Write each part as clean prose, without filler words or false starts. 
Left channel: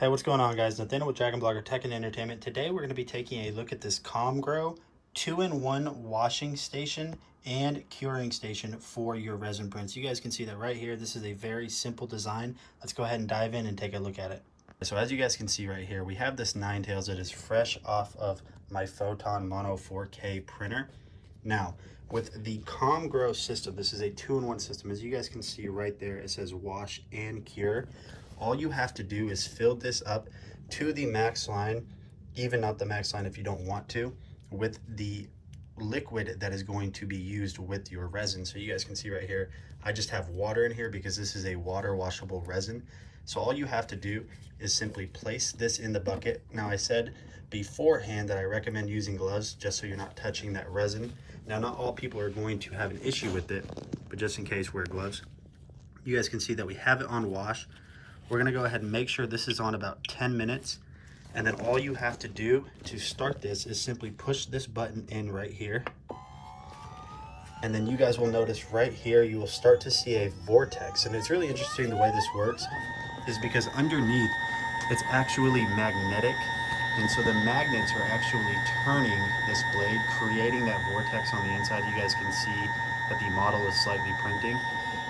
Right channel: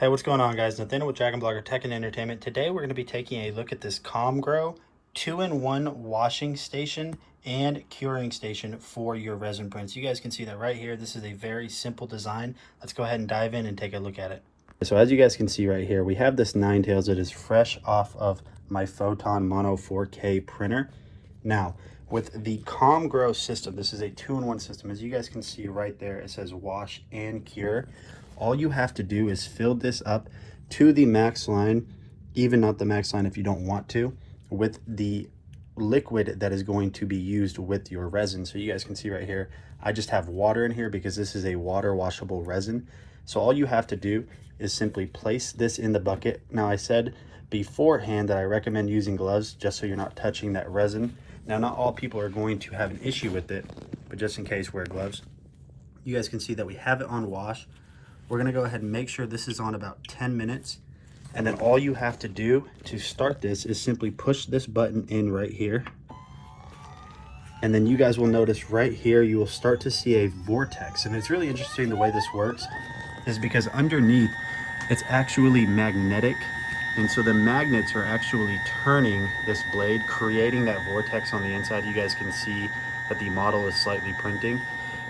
Hey, what's going on, guys? Nathaniel with Dragon Blogger Tech and Entertainment. Today we're going to be taking a look at this COMGROW 2-in-1 washing station and curing station for your resin prints. You guys can see that right here. This is a very simple design. Let's go ahead and dive in and take a look at it. So as you guys can see right here, we have this 9-tails that is fresh off of my Photon Mono 4K printer. Now, with the COMGROW system, this is a 2-in-1 system. As you guys can see right there, it says wash and cure. All you have to do is fill this up to the max line, even not the max line if you don't want to, with the liquid that is going to be used with your resin. So you guys can see right here, I just have water in here because this is a water washable resin. So all you have to do is simply place this in the bucket. Now, I said beforehand that I recommend using gloves just so you're not touching that resin. Now, not all people are going to have an issue with it, but just in case, wear gloves. You guys can see that we have it on wash. We're gonna go ahead and make sure this is on about 10 minutes. And then all you have to do to start this is simply push this button in right here. And then you guys will notice right here, you will start to see a vortex. And it's really interesting the way this works is because underneath it's actually magnetic. And so the magnets are actually turning this blade, creating that vortex on the inside. You guys can see that the model is slightly printing.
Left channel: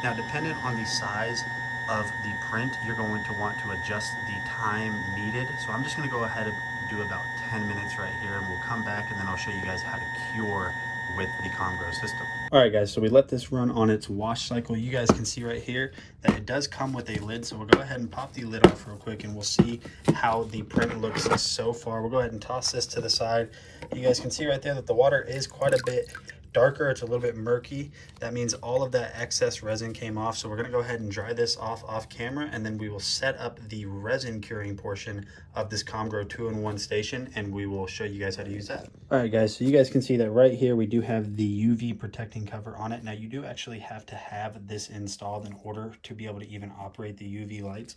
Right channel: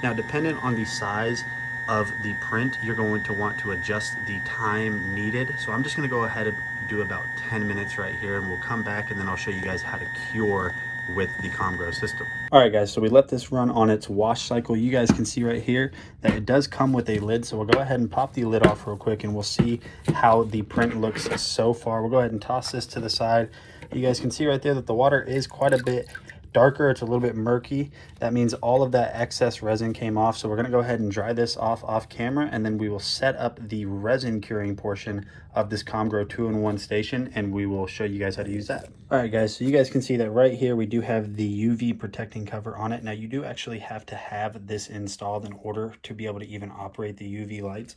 Now, dependent on the size of the print, you're going to want to adjust the time needed. So I'm just going to go ahead and do about 10 minutes right here, and we'll come back and then I'll show you guys how to cure with the COMGROW system. All right, guys, so we let this run on its wash cycle. You guys can see right here that it does come with a lid. So we'll go ahead and pop the lid off real quick and we'll see how the print looks so far. We'll go ahead and toss this to the side. You guys can see right there that the water is quite a bit darker. It's a little bit murky. That means all of that excess resin came off. So we're going to go ahead and dry this off camera, and then we will set up the resin curing portion of this COMGROW 2-in-1 station, and we will show you guys how to use that. All right, guys, so you guys can see that right here we do have the UV protecting cover on it. Now, you do actually have to have this installed in order to be able to even operate the UV lights,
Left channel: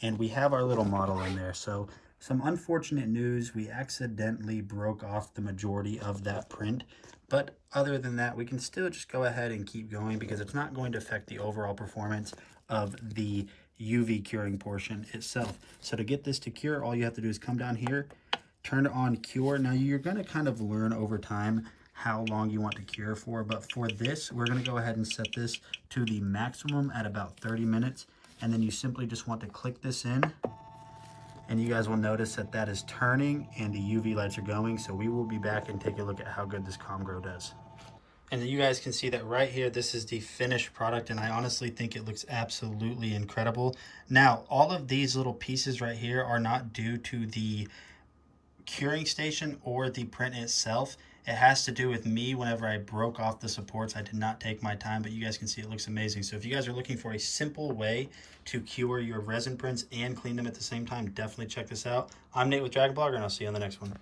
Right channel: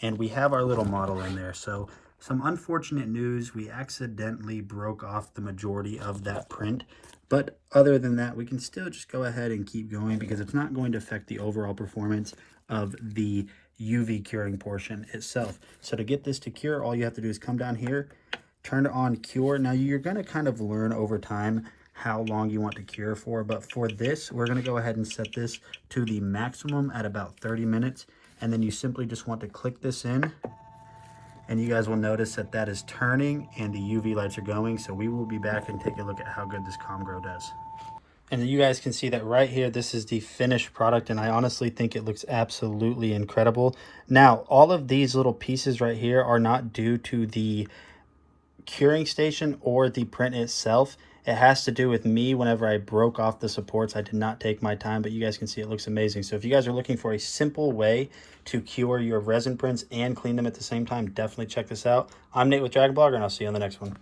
and we have our little model in there. So some unfortunate news, we accidentally broke off the majority of that print. But other than that, we can still just go ahead and keep going because it's not going to affect the overall performance of the UV curing portion itself. So to get this to cure, all you have to do is come down here, turn it on cure. Now, you're going to kind of learn over time how long you want to cure for. But for this, we're going to go ahead and set this to the maximum at about 30 minutes. And then you simply just want to click this in. And you guys will notice that that is turning and the UV lights are going. So we will be back and take a look at how good this COMGROW does. And you guys can see that right here, this is the finished product. And I honestly think it looks absolutely incredible. Now, all of these little pieces right here are not due to the curing station or the print itself. It has to do with me. Whenever I broke off the supports, I did not take my time, but you guys can see it looks amazing. So if you guys are looking for a simple way to cure your resin prints and clean them at the same time, definitely check this out. I'm Nate with Dragon Blogger, and I'll see you on the next one.